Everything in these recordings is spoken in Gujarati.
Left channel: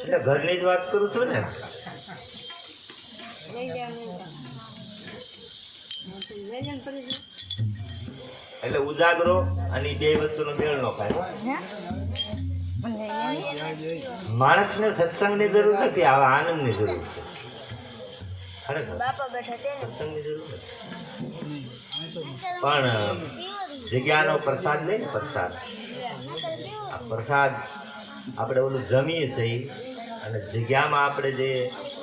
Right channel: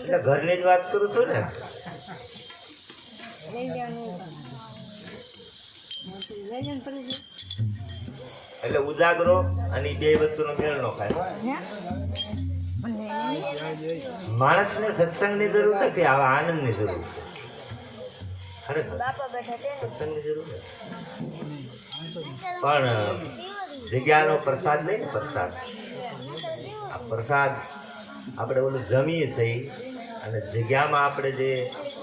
એટલે ઘરની જ વાત કરું છું ને. એટલે ઉજાગરો અને બે વસ્તુનો મેળ ન ખાય. માણસને સત્સંગની જરૂર નથી, આવા આનંદની જરૂર છે. સત્સંગની જરૂર નથી. પણ જગ્યાનો પ્રસાદ નહીં ને, પ્રસાદ આપણે ઓલું જમીએ છીએ અને જગ્યામાં આપણે જે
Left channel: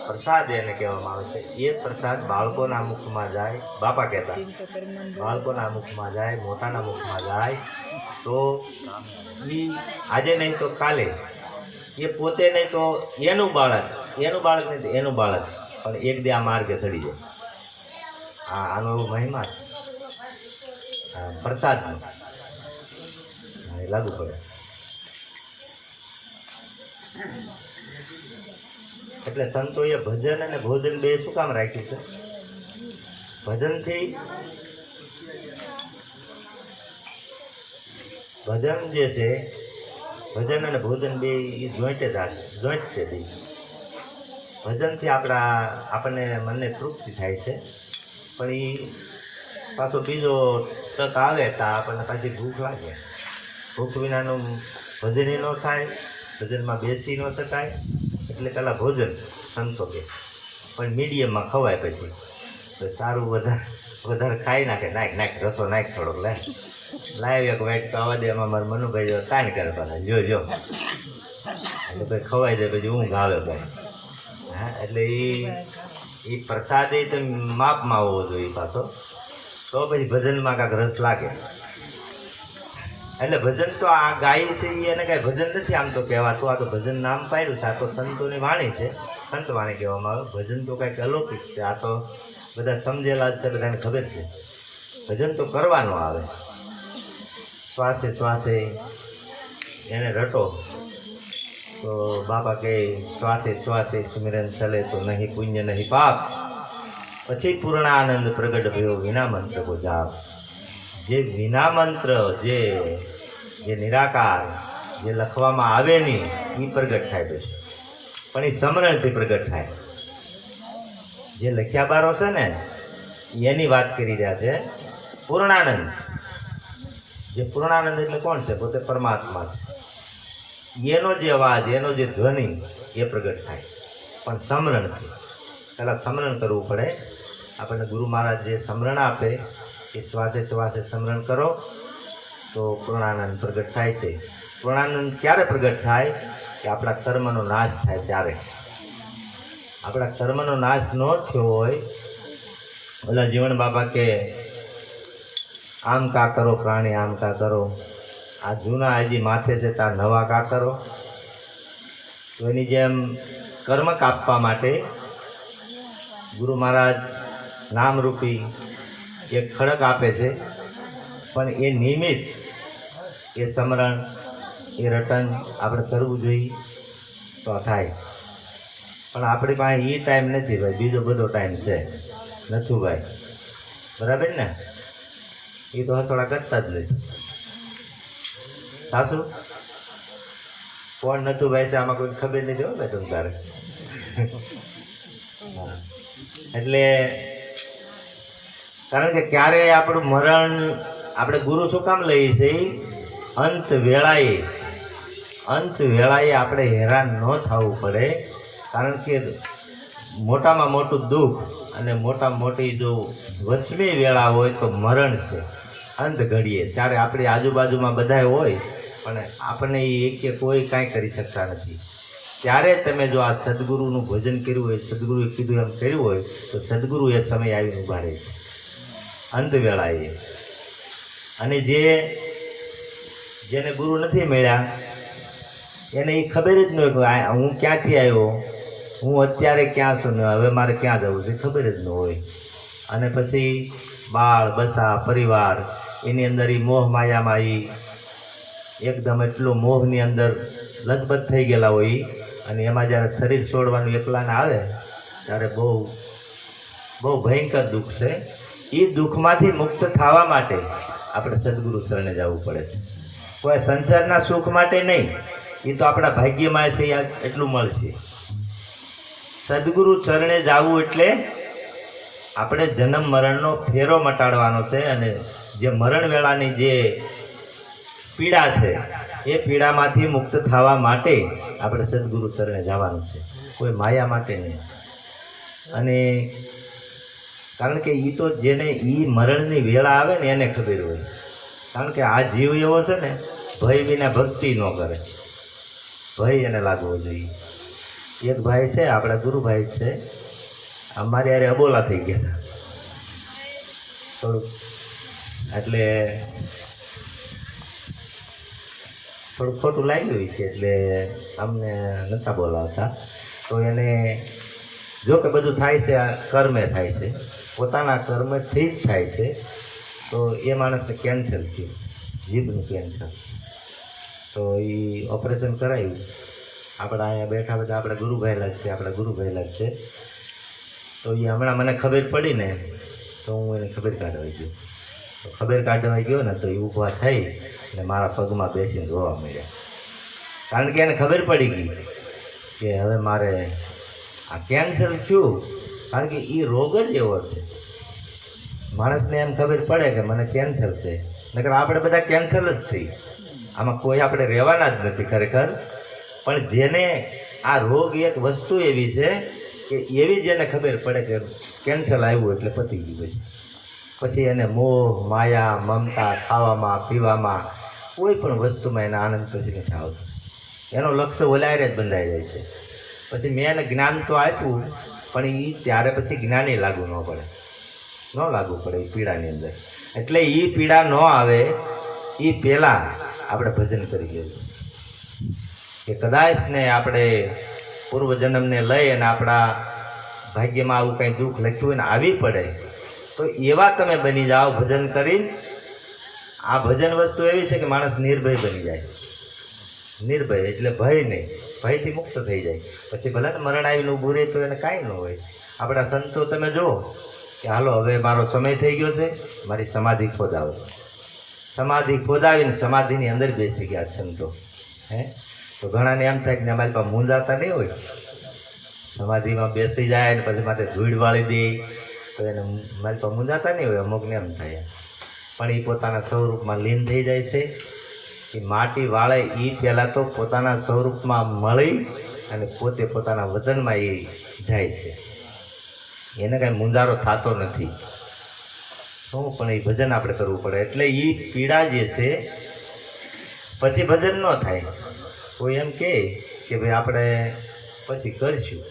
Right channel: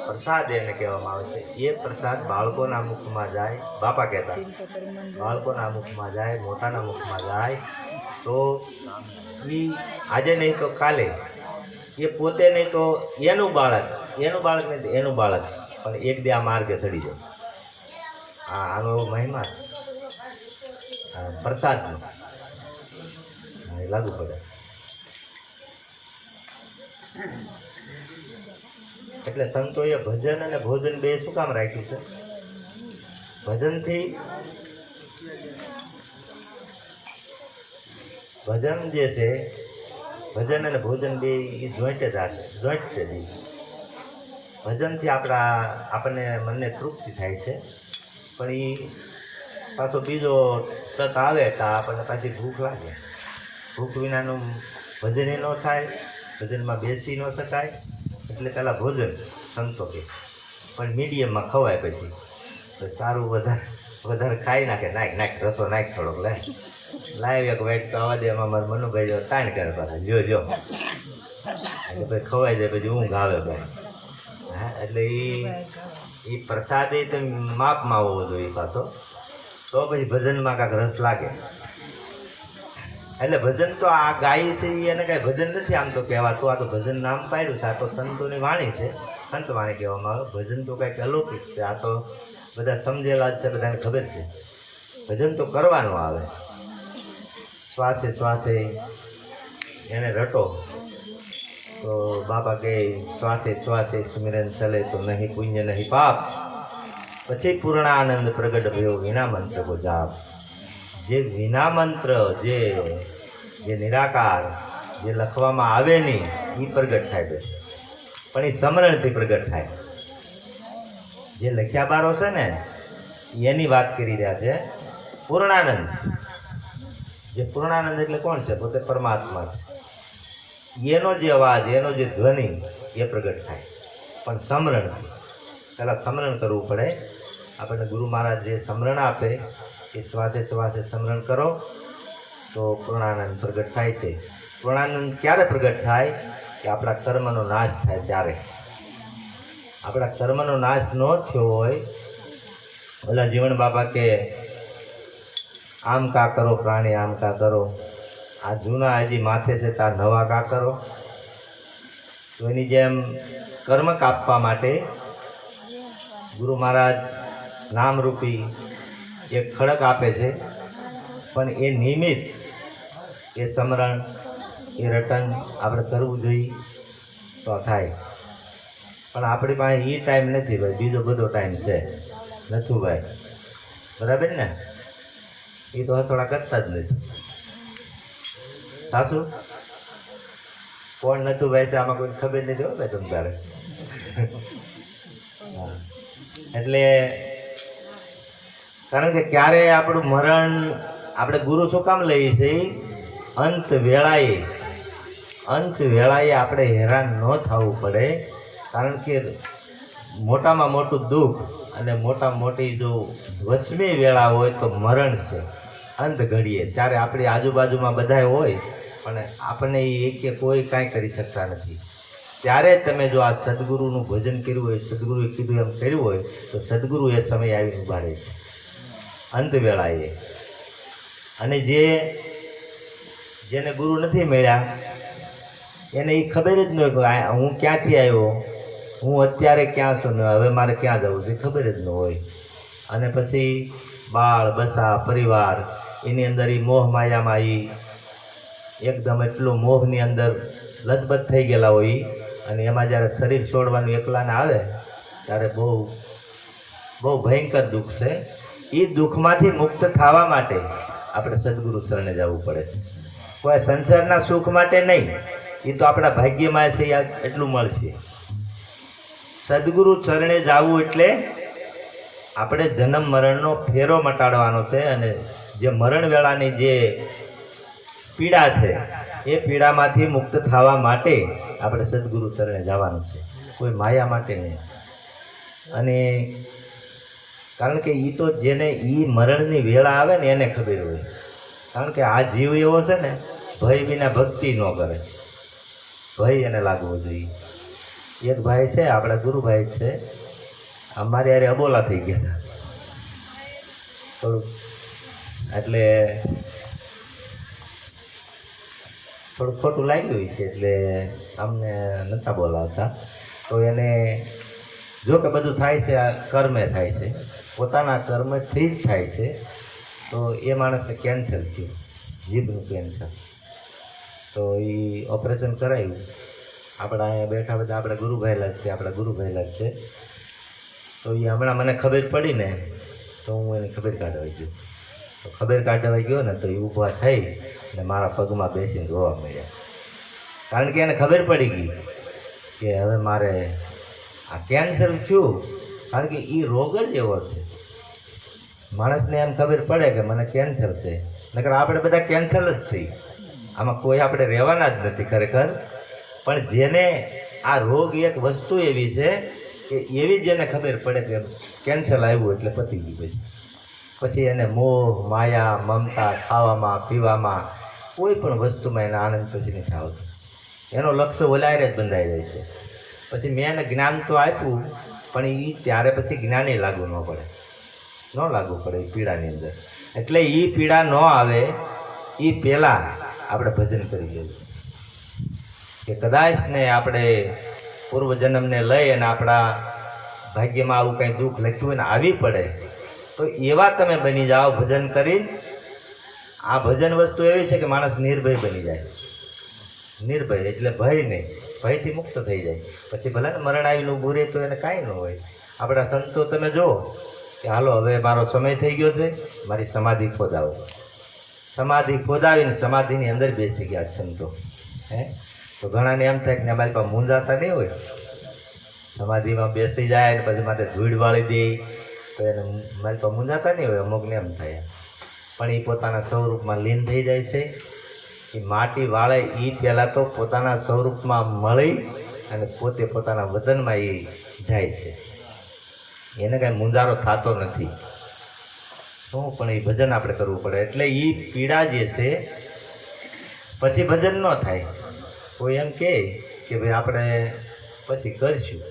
પ્રસાદ એને કહેવામાં આવે છે એ પ્રસાદ બાળકોના મુખમાં જાય. બાપા કહેતા બાળકોના મુખમાં જાય, મોટાના મુખમાં જાય તો એ આજે નહીં તો કાલે, એ પોતે નહીં તો એનું બાળક નહીં તો એનું બાળક પણ એક બે આ માર્ગે ચડી જાય. આનો એવો મહિમા છે પ્રસાદનો, લાગુ પડે. એટલે સંતોએ ભજન અને ભોજન બે શું કામ રાખ્યું છે? ભજનથી ભજન જે છે, ભજન અને ભોજન બે એ જોઈન્ટ જ છે. ભજનથી આપણને મનને તૃપ્તિ થાય છે, પણ એ પાછો બીજો તક આવે તો આપણને પાછી ભૂખ લાગે. ભૂખ વિનાનું ભજન ન થાય, ભજનમાં બેસી ન શકાય. એટલે પહેલાં ભોજન સંતો કે પણ મીડિયમમાં ખવાય, પછી સારું વધારે ખાઈ નાખ રસો નાખ થોડોક લાવ એક વાઇટ તો આવવા દે. એમાં મારા મનુભાઈ તાણ કરતા જો એટલે પછી ખવાઈ જાય, પછી ઊંઘ આવે ભાઈ. હા, એટલે એ પ્રસાદ એ તમે માપમાં હોવો જોઈએ પાછો, તો પછી ભજનમાં કાંઈક રસ લાગે. એટલે ભજન તો આ ગાય છે એને કાંઈ ભજન નથી આમ તો કહેવાતું. આ તો ભજન નામ પાડ્યું છે, આ તો સંતોની વાણી છે, સંત વાણી કહેવામાં આવે. ભજન તો કાંઈક અલૌકિક છે, આ તો બધા સમજેલા જ છે, બધાને ખબર છે. ભજન તો કરવાનું આવે, શ્વાસે શ્વાસે એને રટો. તો બાપા કહે શ્વાસે શ્વાસે સુમિરન ચલે તો નહીં પુણ્ય નહીં પાપ, પછી પૂર્ણાનંદ પ્રગટ ભયો વિના મંત્ર કો જાપ. જે વિના મંત્ર, જે નિરાકાર, જે લખવામાં આવે નહીં એ પ્રગટ થાય છે, પણ એ સમરણથી પ્રગટ થાય. જે લખ્યા બારો છે ને એની વાત કરી રહ્યા છે. પૂર્ણાનંદ, જે પૂર્ણાનંદ એટલે કોણ છે? પોતે પરમાત્મા છે. એનો જે અવાજ, એનો જે ધ્વનિ એ પ્રગટ થાય, પણ સમરણથી. પહેલાં સમરણ કરવું પડે. આપણને ગુરુ મહારાજ જે સમરણ આપે એ શ્વાસે શ્વાસે સમરણ કરો તો પૂર્ણાનંદ પ્રગટ થાય છે. પૂર્ણાનંદ ક્યારે પ્રગટ થાય? કે આપણા કર્મનો નાશ થાય ત્યારે. આપણા કર્મનો નાશ ન થયો હોય, ઓલા જીવન બાબા કે આમ કા કરો પ્રાણી આમ કા કરો, આ જૂના હજી માથે છે તાર નવા કા કરો. તો એની જેમ કર્મ કાપવા માટે ગુરુ મહારાજ નામરૂપી એક ખડક આપે છે, પણ એ નિમિત્ત, એ સમરણ, એ રટન આપણે કરવું જોઈએ તો થાય. પણ આપણી પાસે એ ટાઈમ નથી ભાઈ, બીજો બધો ટાઈમ છે. નથી ભાઈ, બરાબર ને? એ તો હથોડા કરતા જ નથી. સાચું? કોણ નતું ભાઈ છે આમાં કોઈ ખબર નથી હો ભાઈ તમ તારે. એટલે કારણ કે ક્યારે આપણું મરણ આપણે ગુરુ શું કામ લઈએ છીએ? અંત વેળાએ આપણે હેરાન ન થવું પડે. કારણ કે મોટામાં મોટું દુઃખ અને મોટામાં મોટી જો વસમી વેળા હોય તો મરણ છે. અંત ઘડીએ ત્યારે આપણી આજુબાજુમાં બધા હોય પણ આપણને એ કોઈ કાંઈ કરી શકતા નથી. ત્યારે તમે જો આ સદગુરુનું ભજન કર્યું હોય, સદગુરુએ કીધું એમ કર્યું હોય તો સદગુરુ એ સમય આવીને ઊભા રહે છે અંત વેળાએ. અને જેને ગુરુ નથી મળ્યા એને એ ખબર જ ન હોય કે હું ક્યાંથી આવ્યો, હું અત્યારે ક્યાં છું ને હવે મારે ક્યાં જવું છે, ખબર જ ન હોય. અને પછી બાળ બસા પરિવાર એની અંદર એ મોહ માયામાં એ એકદમ એટલું મોહની અંદર લથબથ થઈ ગયેલા હોય. અને એમાં જ્યારે શરીર છોડવાનું એકલાને આવે ત્યારે બહુ ભયંકર દુઃખ છે. એ દુઃખમાંથી મુક્ત થવા માટે આપણે સદગુરુ શરણે જવું પડે છે. કોઈ સંસારના સુખ માટે નહીં, એ તો આપણા ભાગ્યમાં છે, એટલું મળશે. સદગુરુ ચરણે જાવું એટલે આપણે જન્મ મરણનો ફેરો મટાડવાનો છે, અને જે મરણ વેળાની જે પીડા છે એ પીડામાંથી મુક્ત થવા માટે આપણે સદગુરુ ચરણે જવાનું છે, કોઈ માયા માટે નહીં. અને કારણ કે એ તો જેને એ મરણની વેળા આવે ને એને ખબર હોય. કારણ કે આ જીવ એવો છે ને, ભય વિના ભક્તિ ન કરે, ભય એને લાગવો જોઈએ. એક ભાઈ છે, આપણા ગુરુભાઈ છે, અમારે યારે અબોલા થઈ ગયા હતા થોડુંક, એટલે થોડું ખોટું લાગ્યું છે, એટલે અમને નહોતા બોલાવતા. તો એને જો કે બધું થાય છે કર્મે થાય છે, પોતાના કર્મથી જ થાય છે. તો એ માણસને કેન્સર થયું, જીભનું કેન્સર. તો એ ઓપરેશન કરાવ્યું. આપણા અહીંયા બેઠા બધા આપણા ગુરુભાઈલા જ છે. તો એ હમણાં મને ખબર પડી ને, તો હું એને ખબર કાઢવા ગયો. તો ખબર કાઢવા ગયો ને, તો એ ઊભા થઈ અને મારા પગમાં બેસીને રોવા મળ્યા. કારણ કે એને ખબર પડી ગઈ કે હવે મારે આ કેન્સર થયું. કારણ કે એ રોગ જ એવો છે, માણસને એમ ખબર પડે કે મને કેન્સર છે, નકર આપણે બધા કેન્સર જ છીએ. આમાં કોઈ આપણે રહેવાના જ નથી ખરેખર. પણ જેને આ રોગ એક વસ્તુ એવી છે કે એવી જેને ખબર પડે કે કેન્સર આવ્યું એટલે પતી ગયું. પછી એને મોહ માયા મમતા ખાવામાં પીવામાં કોઈ પણ વસ્તુમાં એના આનંદ પછી નથી આવતો. એનો લક્ષ્ય ઓલાયરે જ બંધાઈ જાય છે. પછી મેં એને જ્ઞાન તો આપ્યું, પણ એ ત્યારે પછી જ્ઞાને લાગુ ન પડે, એ પીડાની અંદર. એટલે એ પીડા ન આવે એ પહેલાં આપણે ભજન કરી લેવું. કે કદાચ ને આપણે પૂર્વજન્મને લઈ અને આપણા ભાગ્યમાં આવું કંઈ દુઃખ લખ્યું ને આવી પડે, તો એવા તમે બની જાઓ ભજન કરી. આ ભજન વસ્તુ એવી છે કે માણસ નિર્ભય બની જાય. નિર્ભય એટલે ભય નહીં, ભયથી મુક્ત થઈ જાય. પછી ભલે ને મરણ આવીને ઊભું રહે તો એને કાંઈ ન હોય. આપણા સંતો તમે જુઓ કે હાલો હવે મારો સમય થઈ ગયો છે, મારી સમાધિ ખોદાવો. સમાધિ ખોદાવીને સમાધિની અંદર બેસી ગયા સંતો. તો ઘણાને એમ થાય કે અમારી પાસે મૂંઝાતા નહીં હોય, સમાધિમાં બેસી જાય ને પછી માથે ધૂળ વાળી દે તો એને મારી પાસે મૂંઝાતા નહીં હોય. અમુકને એમ થાય, પણ એ પોતાના સ્વરૂપમાં લીન થઈ જાય છે. એ માટી વાળે એ પહેલાં તો પોતાના સ્વરૂપમાં મળી અને પોતે પોતાના વતનમાં એ જાય છે. એને કાંઈ મૂંઝારો થતો નથી. પણ એ ભજન આપણે કરવું પડે. એટલે એ પીડા જે છે પછી ભજન ન થાય. કોઈ એમ કહે કે ભાઈ આપણે પછી કરીશું,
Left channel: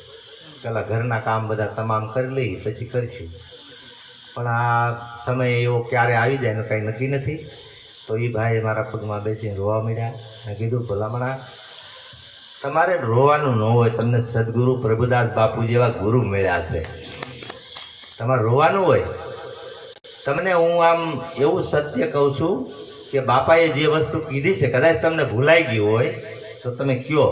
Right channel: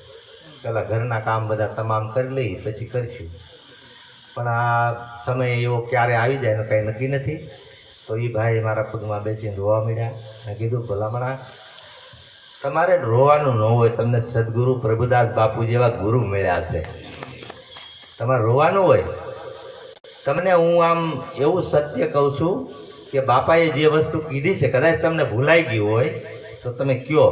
પહેલાં ઘરના કામ બધા તમામ કરી લઈએ પછી કરીશું. પણ આ સમય એવો ક્યારે આવી જાય એનું કાંઈ નક્કી નથી. તો એ ભાઈ મારા પગમાં બેસીને રોવા મળ્યા. મેં કીધું ભલામણા તમારે રોવાનું ન હોય, તમને સદગુરુ પ્રભુદાસ બાપુ જેવા ગુરુ મળ્યા છે, તમારે રોવાનું હોય. તમને હું આમ એવું સત્ય કહું છું કે બાપાએ જે વસ્તુ કીધી છે કદાચ તમને ભૂલાઈ ગયું હોય તો તમે કહો,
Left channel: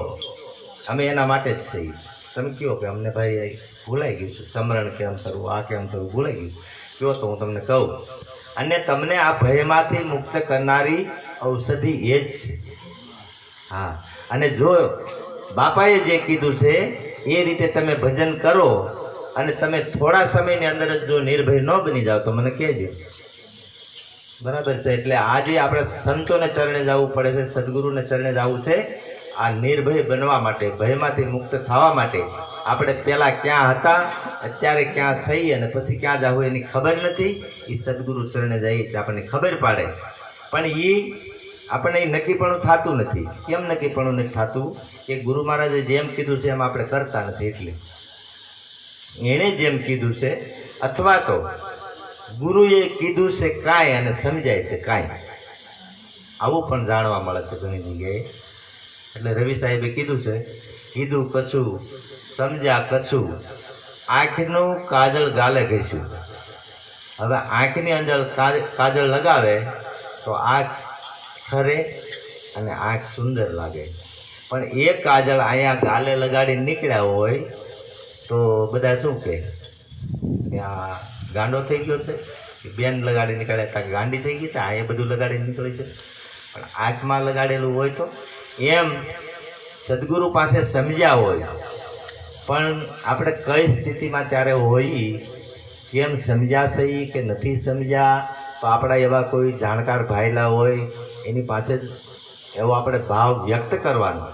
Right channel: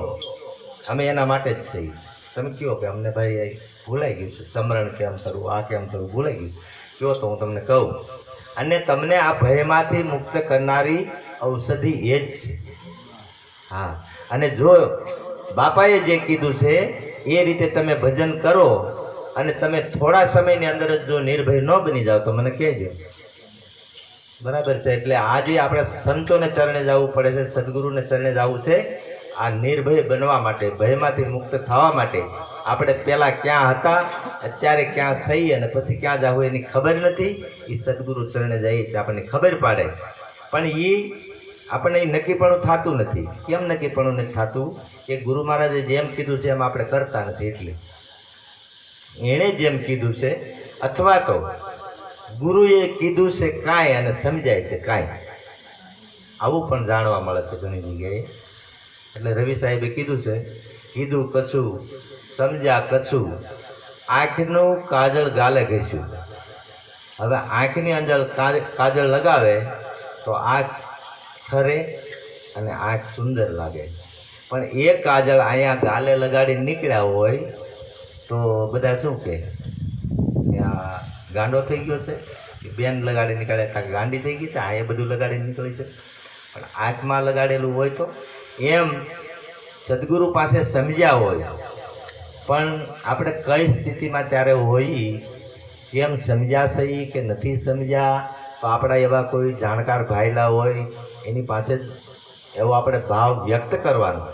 અમે એના માટે જ છીએ. તમે કહો કે અમને ભાઈ ભૂલાઈ ગયું છે, સમરણ કેમ કરવું, આ કેમ કરવું ભૂલાઈ ગયું, કહો તો હું તમને કહું. અને તમને આ ભયમાંથી મુક્ત કરનારી ઔષધિ એ જ છે. હા, અને જો બાપાએ જે કીધું છે એ રીતે તમે ભજન કરો અને તમે થોડા સમયની અંદર જ જો નિર્ભય ન બની જાઓ તો મને કહેજો. બરાબર છે? એટલે આજે આપણે સંતોને ચરણે જવું પડે છે, સદગુરુને ચરણે જવું છે. આ નિર્ભય બનવા માટે, ભયમાંથી મુક્ત થવા માટે આપણે પહેલાં ક્યાં હતા, અત્યારે ક્યાં થઈ અને પછી ક્યાં જવું એની ખબર નથી. એ સદગુરુ ચરણે જઈએ તો આપણને ખબર પાડે. પણ એ આપણને નક્કીપણું થતું નથી. કેમ નક્કીપણું નથી થતું? કે ગુરુ મહારાજે જેમ કીધું છે એમ આપણે કરતા નથી. એટલે એણે જેમ કીધું છે, અથવા તો ગુરુએ કીધું છે કાંઈ અને સમજાય છે કાંઈ, આવું પણ જાણવા મળે છે ઘણી જગ્યાએ. એટલે રવિ સાહેબે કીધું છે, કીધું કશું સમજ્યા કશું, આંખનું કાજળ ગાલે ઘસ્યું. હવે આંખની અંદર કાજળ લગાવે તો આંખ ખરે અને આંખ સુંદર લાગે. પણ એ કાજળ અહીંયા ગાલે લગાડી નીકળ્યા હોય તો બધા શું કહે કે આ ગાંડો થઈ ગયો છે, બેન લગાડી નીકળે કાંઈ ગાંડી થઈ ગઈ છે, આ એ બધું લગાડી નીકળી છે. પણ આંખમાં લગાડેલું હોય તો એમ સદગુરુ પાસે સમજ્યા હોય પણ આપણે કઈ સ્થિતિમાં ત્યારે હોઈએ કેમ સમજ્યા છે કે નથી સમજ્યા, તો આપણા એવા કોઈ જાણકાર ભાઈલા હોય એની પાસે જ એવો આપણે ભાવ વ્યક્ત કરવાનો,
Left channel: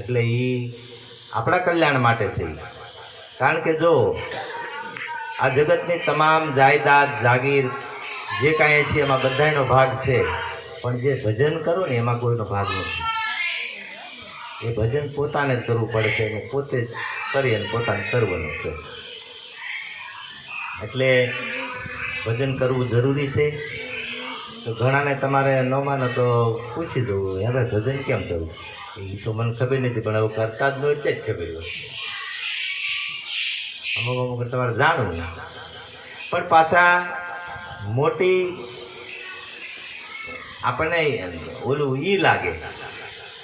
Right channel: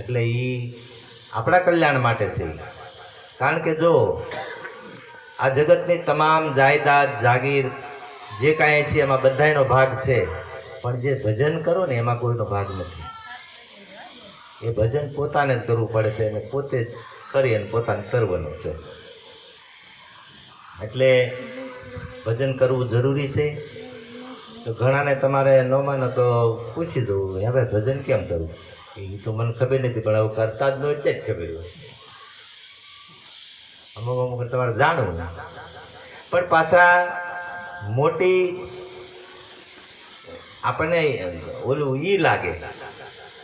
એટલે એ આપણા કલ્યાણ માટે છે. કારણ કે જો આ જગતની તમામ જાયદાદ જાગીર જે કાંઈ છે એમાં બધાનો ભાગ છે, પણ જે ભજન કરો ને એમાં કોઈનો ભાગ નથી. એ ભજન પોતાને જ કરવું પડે છે અને પોતે જ કરી અને પોતાને કરવાનું છે. એટલે ભજન કરવું જરૂરી છે. તો ઘણાને તમારે ન માનો તો પૂછી દઉં, હવે ભજન કેમ કરવું? એ તો મને ખબર નથી, પણ હવે કરતા જ હોય જ ખબર હોય. અમુક તમારે જાણવું, પણ પાછા મોટી આપણને ઓલું ઈ લાગે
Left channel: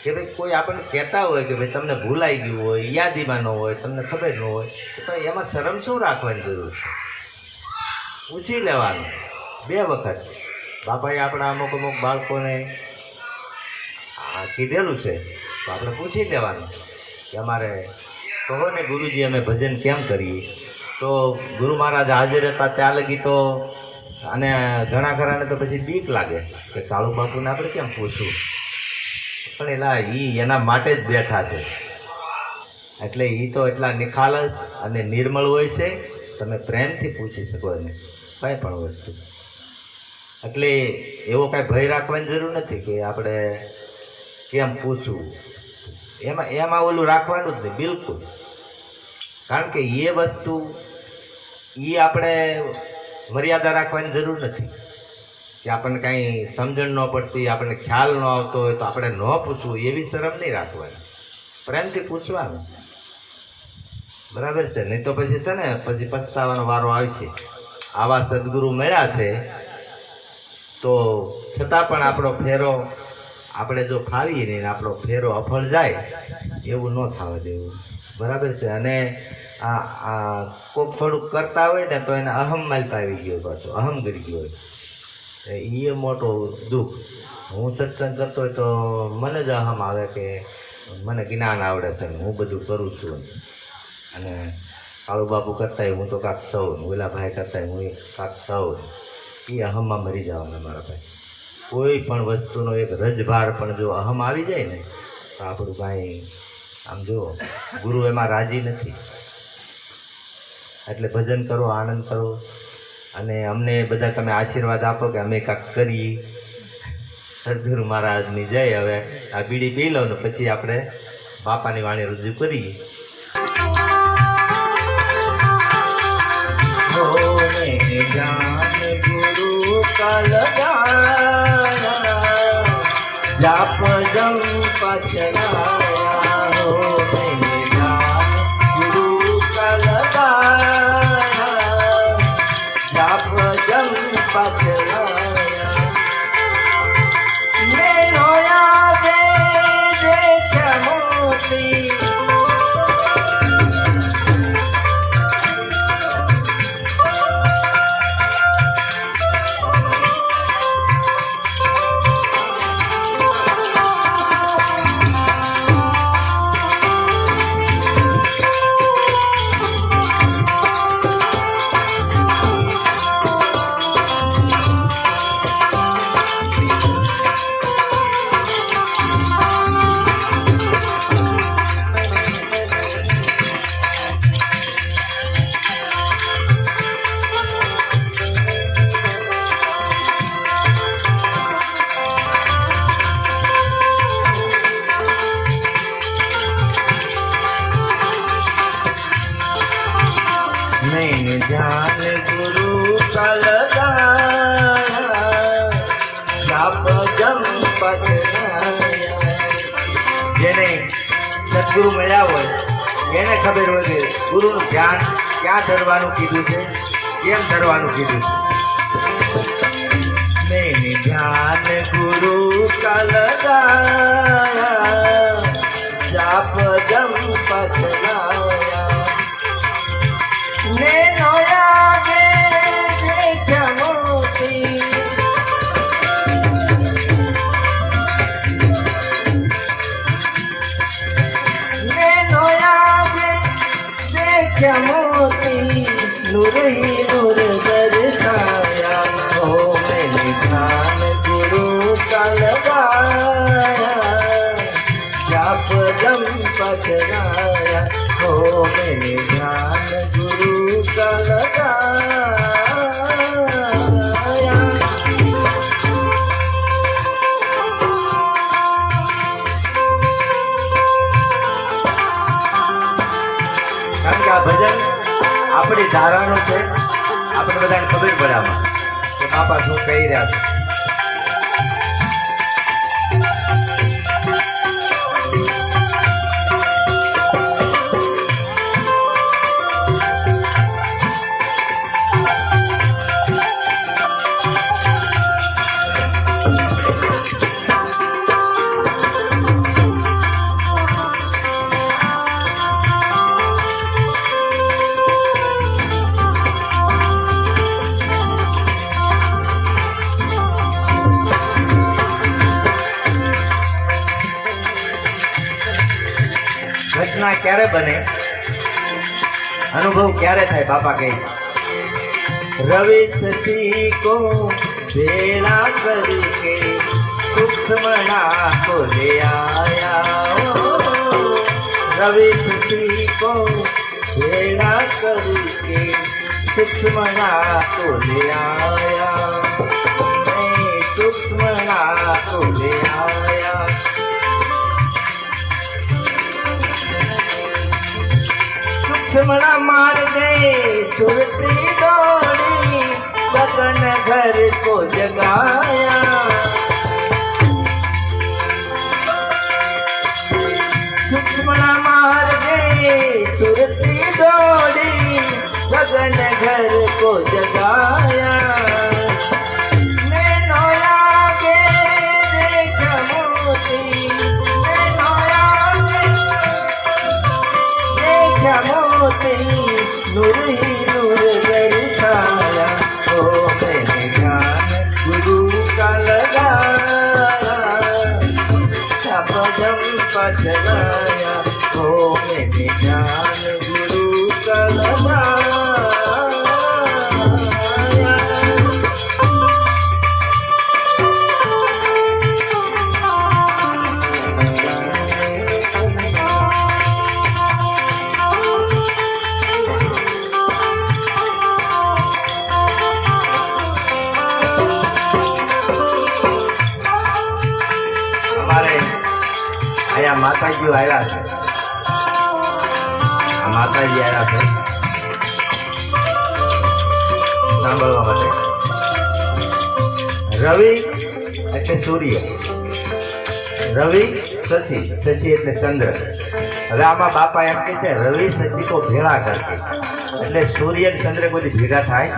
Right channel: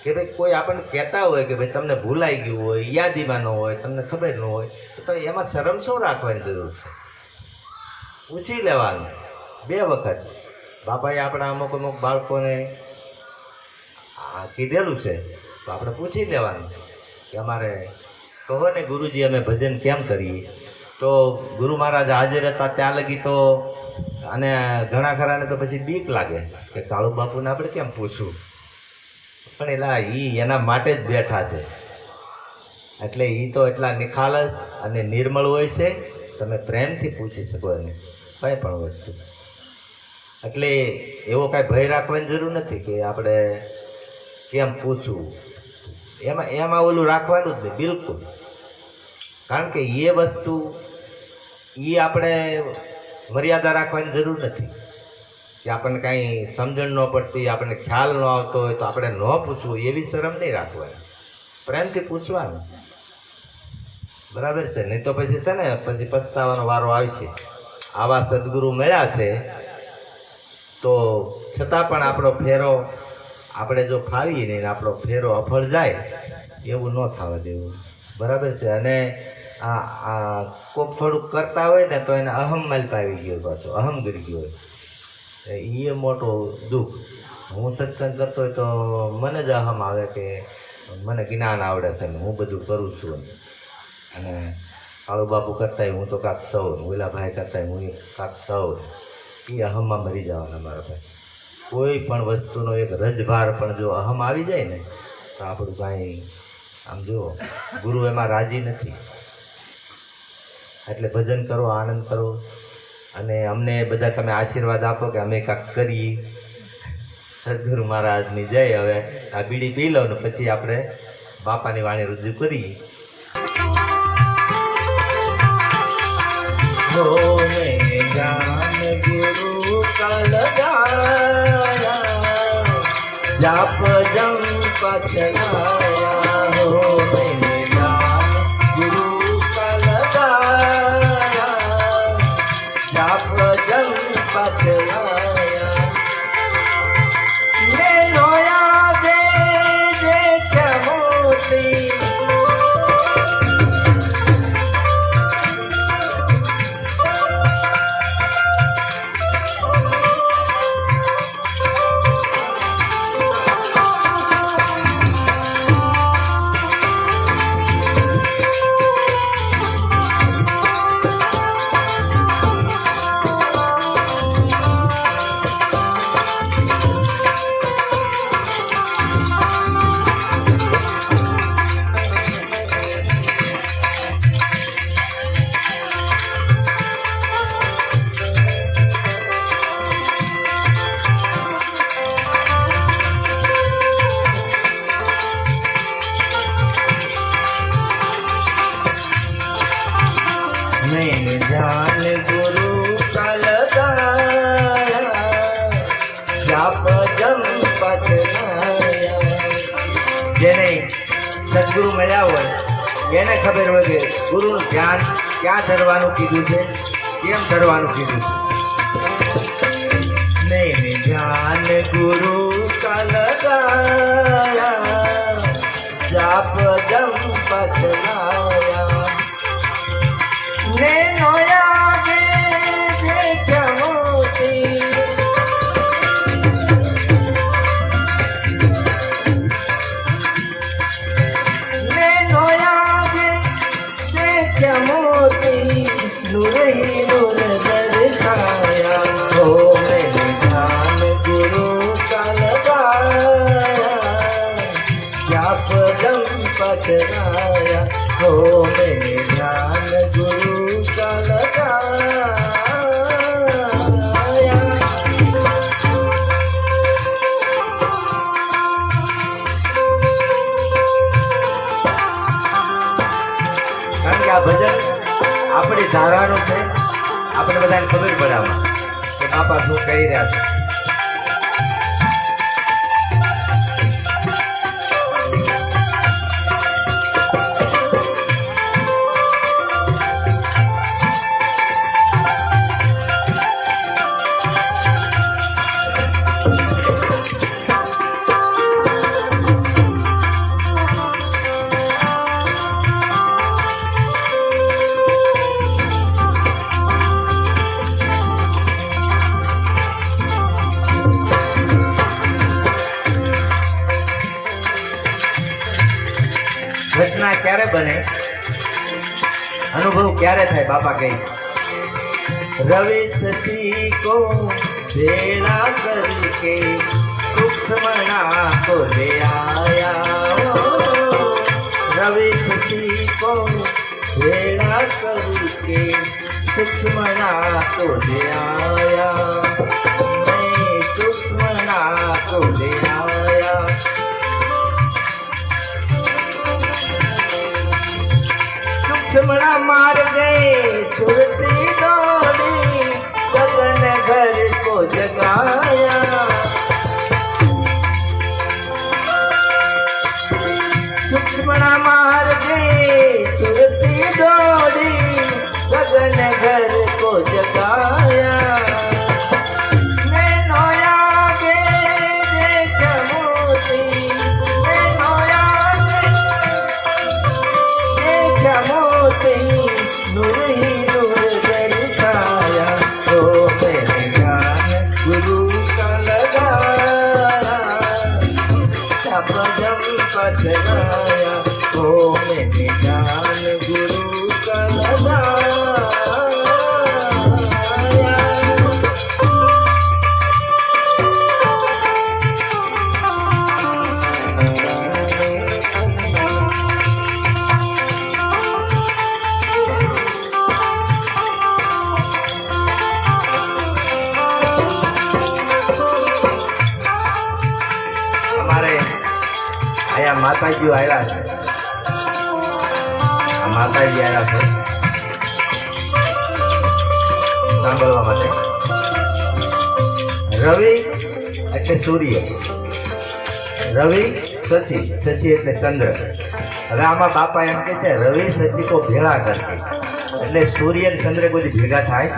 કે ભાઈ કોઈ આપણને કહેતા હોય કે ભાઈ તમને ભૂલાઈ ગયું હોય, યાદીમાં ન હોય, તમને ખબર ન હોય, તો ભાઈ એમાં શરમ શું રાખવાની જરૂર છે? પૂછી લેવાનું 2 વખત. બાપાએ આપણા અમુક બાળકોને કીધેલું છે, તો આપણે પૂછી લેવાનું કે અમારે કહો ને ગુરુજી અમે ભજન કેમ કરીએ? તો ગુરુ મહારાજ હાજર હતા ત્યાં લગી તો, અને ઘણા ખરાને તો પછી બીક લાગે કે કાળુ બાપુને આપણે કેમ પૂછવું, પણ એલા એના માટે જ બેઠા છે. એટલે એ તો એટલા નિખાલસ અને નિર્મળ હોય છે, તમે પ્રેમથી પૂછી શકો એને કંઈ પણ વસ્તુ. એટલે એવો કાંઈ ભય રાખવાની જરૂર નથી કે આપણે કેમ પૂછવું, એમાં ઓલું રાખવાનું જ નહીં બિલકુલ. કારણ કે એ વસ્તુ એ આપણે મર્યાદા રાખવાની જરૂર નથી કે આપણને કાંઈ સમજણ ન પડતી, આપણને ખ્યાલ ન આવતો હોય તો આપણે ન પૂછવું, એવી શરમ નહીં રાખવાની, પ્રેમથી પૂછવાનું. બરાબર છે? નહીં તો પછી છે ને પછી પસ્તાવાનો વારો આવશે. આવા સદગુરુ મળ્યા છે તો છતાં પણ આપણો ફેરો આપણે જો ફાવીએ નહીં, આપણો ફેરો અફળ જાય એવું ન થવા દેવું. બરાબર છે? અને આ કોક થોડુંક કરતા હોય ને તો એને અહમ માલતા આવી ગયો, પાછો અહમ ગરી ગયો હોય, એ મોટો દુઃખ. હું સત્સંગ કરતો હોય તો મને જ અહમ આવે કે મને જ્ઞાન આવડે છે ને હું બધું કરું છું, અને કાળુ બાપુ કરતા હું તો કાંક સૌ, ઓલાભાઈ કરતા હું કાંક સૌ. એ અહમમાં મરી જવાના મારા ભાઈ. કોઈ પણ વસ્તુનો એક રજભાર પણ જો અહમ આવી જાય ને તો આપણું કાંઈ આમ જુઓ ગુરુ એમાં રાજી નથી. એટલે ભજન કરો, આનંદ કરો, અને અમને બધા તમે આશીર્વાદ આપો કે અમે કાંઈક કરીએ. સદગુરુ મહારાજની જય. હવે આ બીડી પી લો ને પછી આપણે બાપાની વાણી રજૂ કરીએ. ગુરુ કાલ જાપ જમ પચલાયા, ગુરુ કાલ જાપ જમ પચલાયા, મે નોયા દે મોતી. નહીં ધ્યાન ગુરુ કલગાયા, જાપ જમ પચલાયા. જેને સદગુરુ મળ્યા હોય એને ખબર હોય કે ગુરુનું ધ્યાન ક્યાં ધરવાનું કીધું છે, કેમ ધરવાનું કીધું છે. નહીં ધ્યાન ગુરુ કલગાયા, જાપ જમ પચલાયા, ને નોયા દે મોતી. બધી ધારવાનું છે, આપણે બધાને ખબર પડે આમાં કે બાપા શું કહી રહ્યા છે. ઘટના ક્યારે બને, અનુભવ ક્યારે થાય? બાપા કહે રવિ સતી કો ભેળા કરકે સુખમણા કો લે આયા, રવિ સતી કો ભેળા કરકે સુખમણા કો લે આયા, સુખમણા કો લે આયા. सुखमणा मार गए सुरती दौड़ी गगन घर को जगाया, सुखमणा मार गए सुरती दौड़ी गगन घर को जगाया. અહીંયા માતાજીઓ આવ્યા છે, માતાજી આવ્યા છે સાંભળવા માટે. રવિ એટલે સૂર્ય, રવિ શશી, શશી એટલે ચંદ્ર. હવે આમાં બાપા એમ કે છે રવિ શશી તો ભેળા કરશે, એટલે સૂર્ય અને ચંદ્ર બધી ભેગા થાય,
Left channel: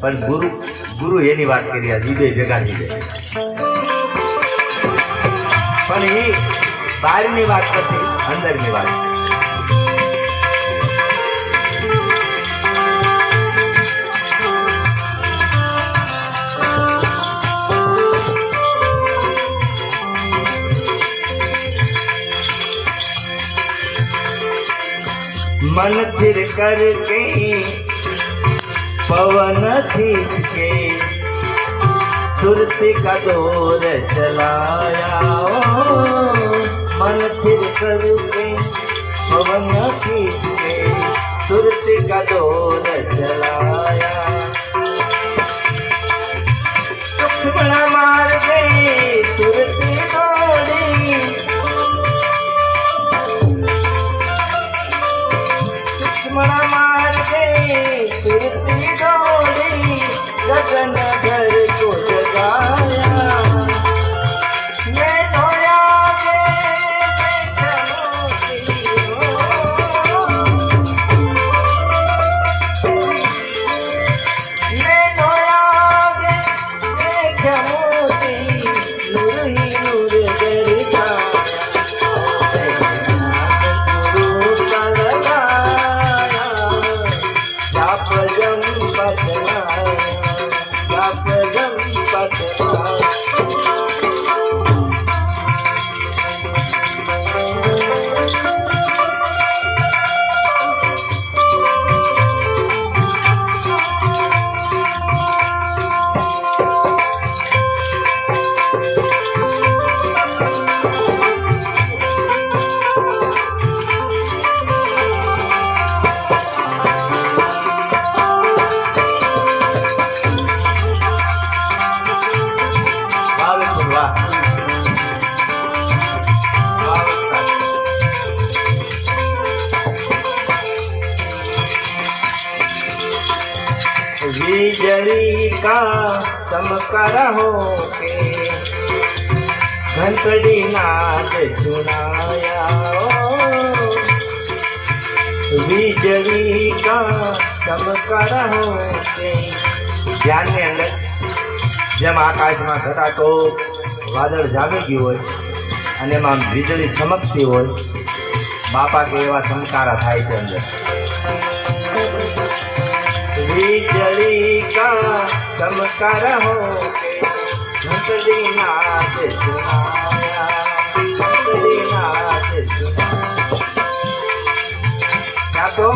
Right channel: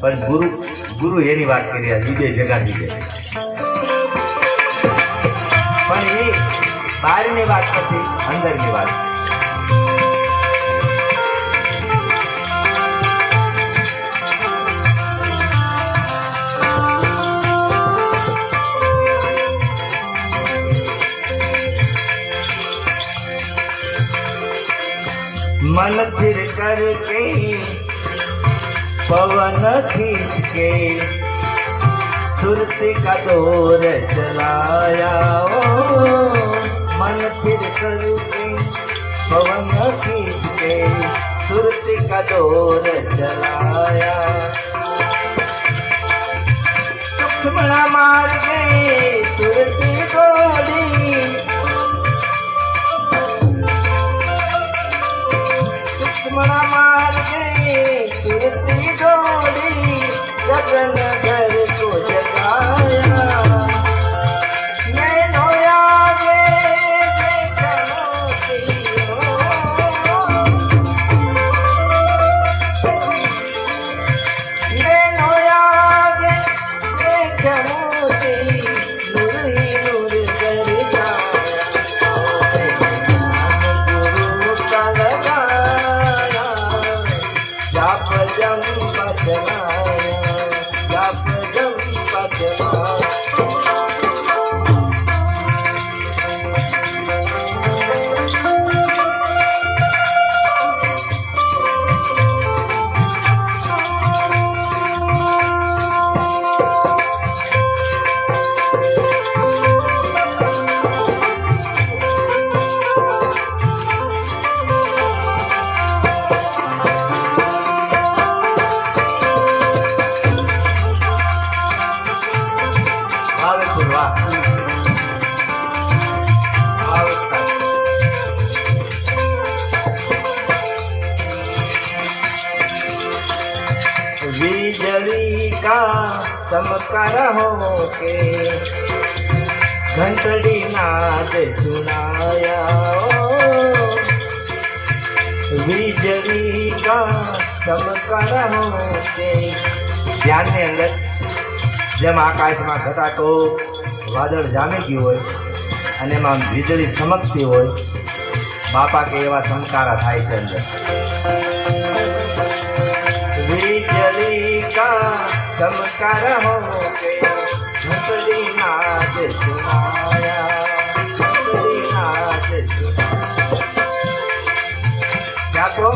પણ ગુરુ એની વાત કરી રહ્યા, વિજય ભેગા લીધે. પણ એ બહારની વાત નથી, અંદરની વાત. मन फिर करके पवन खींचके सुरती का दौर चलाया, मन फिर करके पवन खींचके सुरती का दौर चलाया. सुखमणा मार गए सुरती दौड़ी, सुखमणा मार गए सुरती दौड़ी गगन घर को जगाया. बिजली का चमकार हो के घंटड़ी नाद सुनाया बिजली का चमकार हो के ધ્યાન ની અંદર જેમ આકાશમાં ઘટાતો વાદળ જામી ગયું હોય અને એમાં વીજળી ચમકતી હોય બાપા કે એવા ચમકારા થાય છે અંદર વીજળી કા ચમકાર હો કે ઘંટડી નાદ સુનાયા ઘંટડી નાદ સુનાયા તો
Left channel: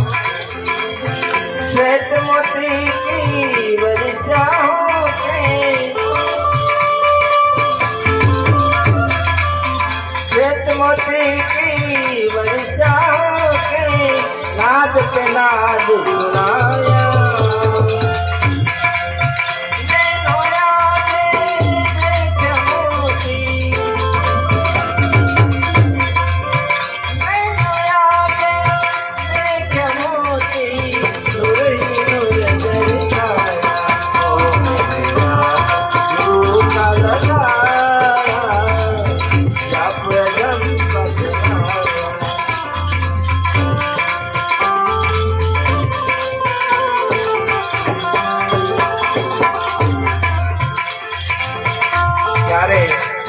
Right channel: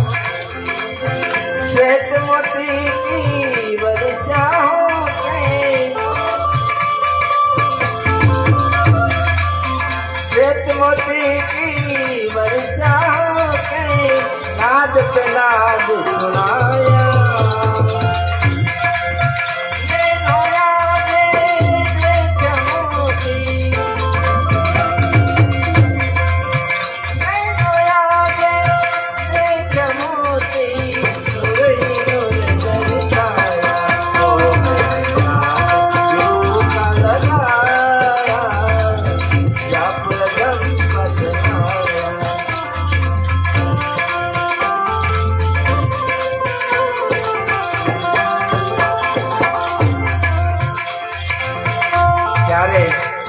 श्वेत मोती की वर्षा हो श्वेत मोती की वर्षा हो नाद के नाद सुनाया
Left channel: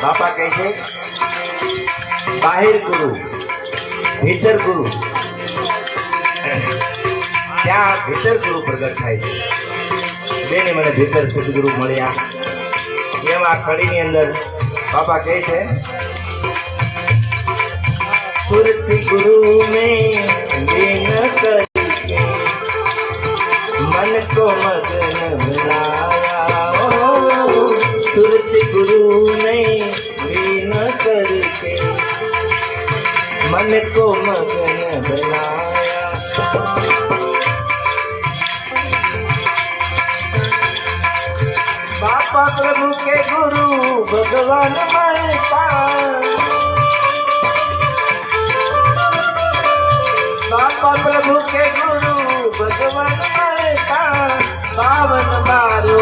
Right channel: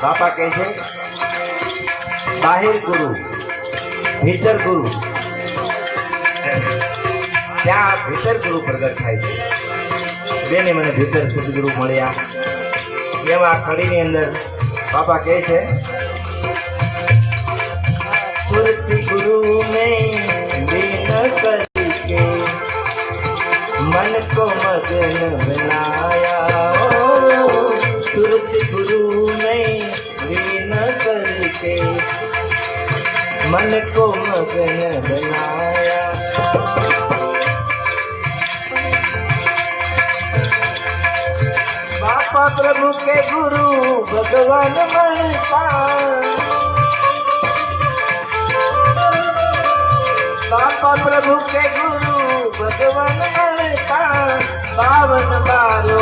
બાપા કહે છે બાહિર ગુરુ ભીતર ગુરુ ત્યાં ભીતર ગુરુ પ્રગટ થાય છે બેને મને ભીતર સદગુરુ મળ્યા એમાં કડીની અંદર બાપા કહે છે સુરતી ગુરુ મેં દિન કરકે મન को मगन बनाया सुरती गुरु ने लीन करके मन को मगन बनाया बापा प्रभु के गुरु भगवान मरता बापा प्रभु के गुरु भगवान मरता पावन बारो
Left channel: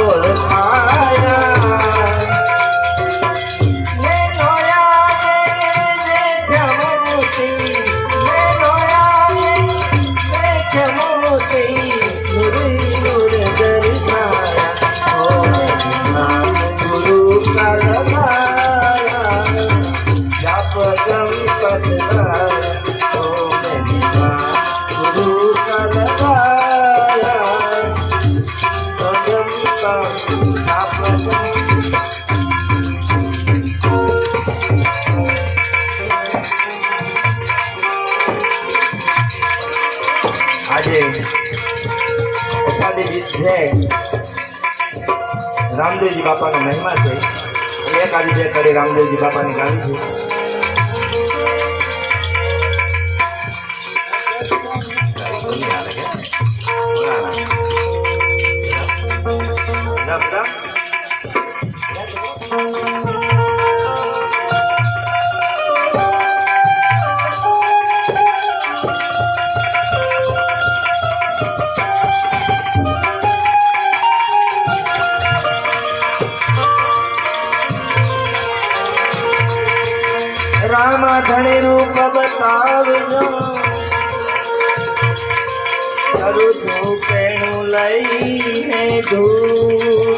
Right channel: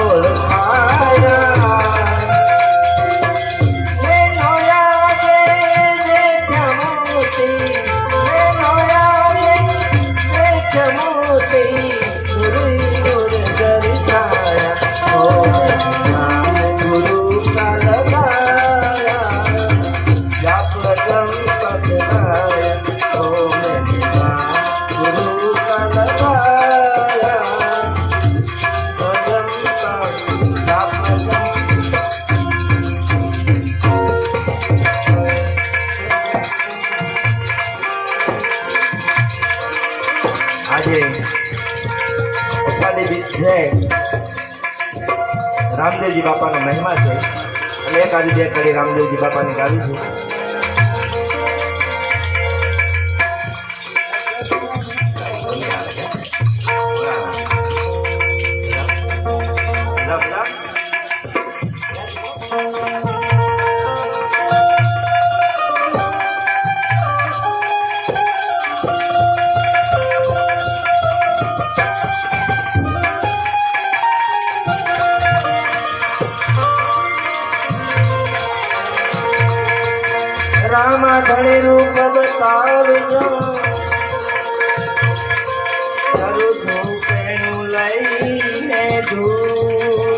આજે ઉપાધિ છે રામદેવજી બાપાની મહિમા છે એટલે એક આજે બે કડી રામદેવજી બાપાની ગાવી છે घड़े रूप बतावजो करू धूपेणु लईने धूप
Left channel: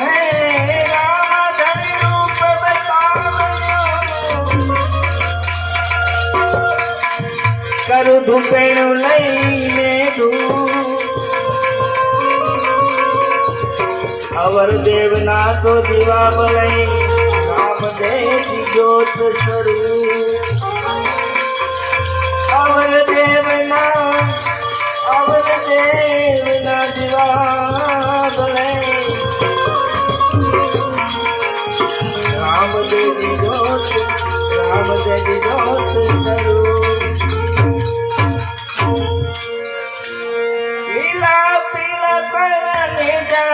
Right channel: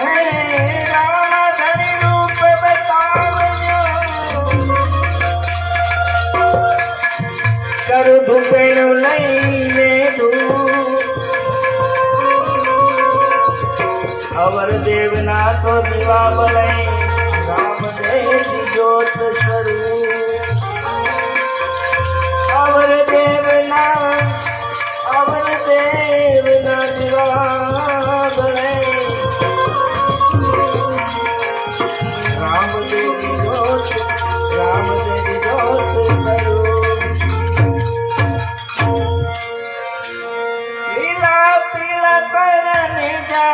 हे राम घड़े रूप बतावजो करू धूपेणु लईने धूप अवर देवना तो दीवा बनाई रामदेव ज्योत स्वरूप अवर देवना दीवा बनाई रामदेव ज्योत स्वरूप पीला पीला करने जा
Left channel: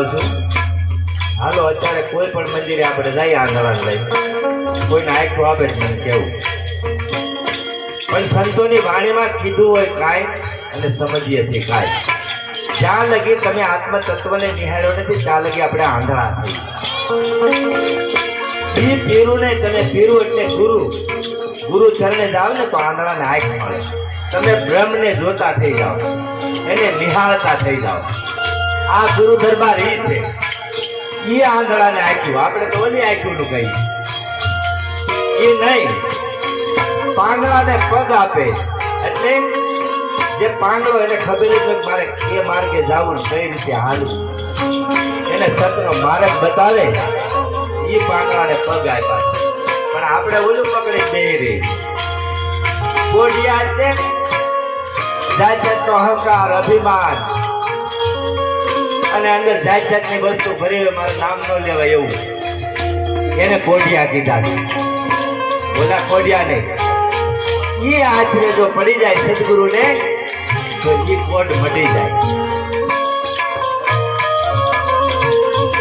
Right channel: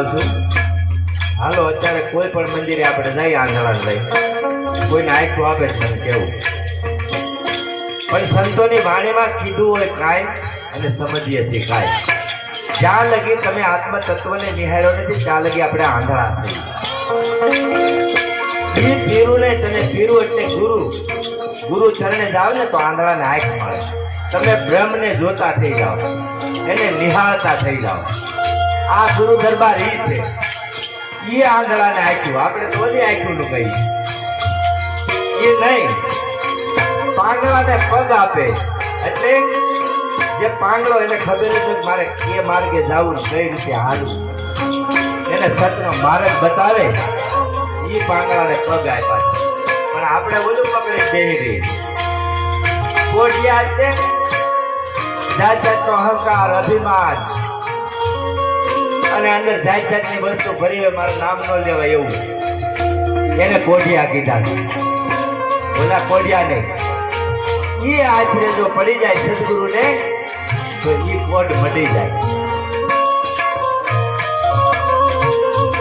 જાઉં છું. હાલો અત્યારે કોઈ પણ મંદિરે આપણે જઈએ આંધળાને લઈ, કોઈને આંખો આપે જ મને કેવું. પણ સંતોની વાણીમાં કીધું હોય કાંઈ અને સમજીએ છીએ કાંઈ. જ્યાં લગી તમે આત્મ તત્વને નિહાળ્યો નથી ત્યાં લગી આપણે આંધળા થઈ. બી પીરું નહીં, તમે પીરું એટલે ગુરુ ચરણે જાઓ ને તો આંધળાને આંખ મળે. તમે બ્રહ્મને જોતા થઈ જાઓ, એને નિહાળતા થઈ જાઓ. આ ગુરુ દરબાર એ છે, એ આંધળાને આંખ્યું. આપણે તો ઓલી આંખ્યું કહીએ એ નહીં. પાંગળાને પગ આપે એટલે જે પાંગળો એને ખબર છે કે મારે એ માર્ગે જવું, કઈ રીતે હાલવું, એને સતનો માર્ગ બતાવે, એ પાંગળાને પગ આપ્યા છે. પણ આપણે ઓલું પકડી જઈ રહી કોઢિયા છે, જાત જાતનો અહંકાર, અભિમાન અને અંદર જાત જાતની વસ્તુ ફરી મારું નામ ન લેવાય એવું, એને કોઢિયા કીધા. બોલા કોઢિયા નહીં. એ આશરે જો પડી જાય સદગુરુને તો એ કોઢ મટી જાય.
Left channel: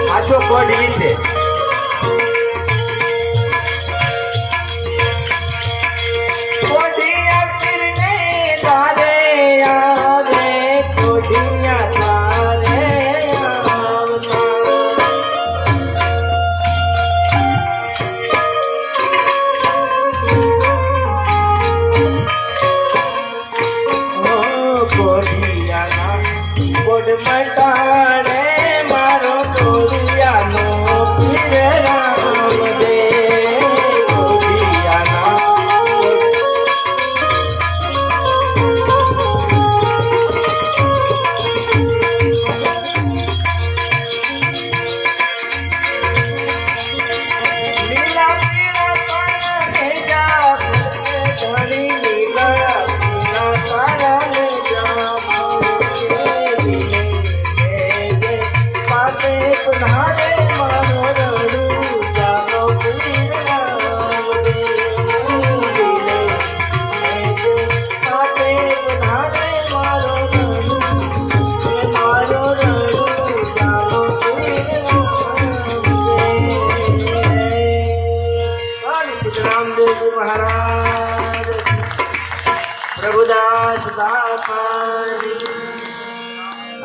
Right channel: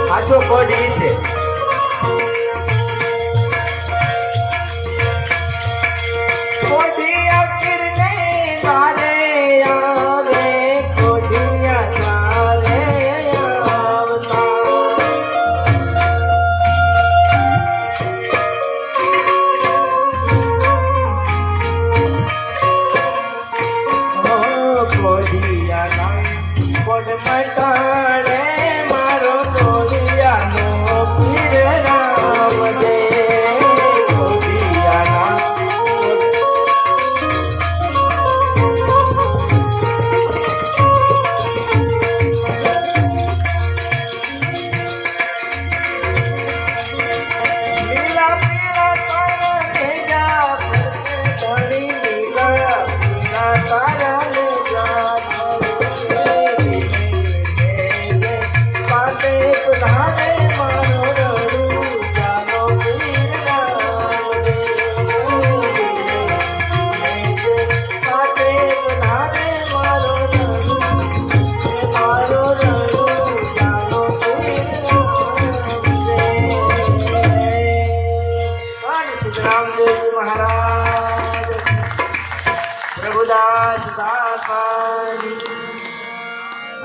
સાચો કોઢ એ છે.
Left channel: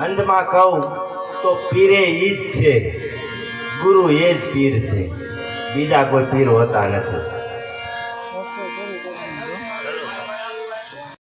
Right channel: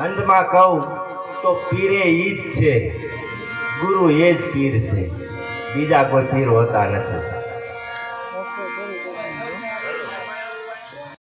અંતમાં કહું તો પીરે ઈ જ છે, ગુરુ એ જ પીર છે, બીજા કોઈ પીર હોતા નથી.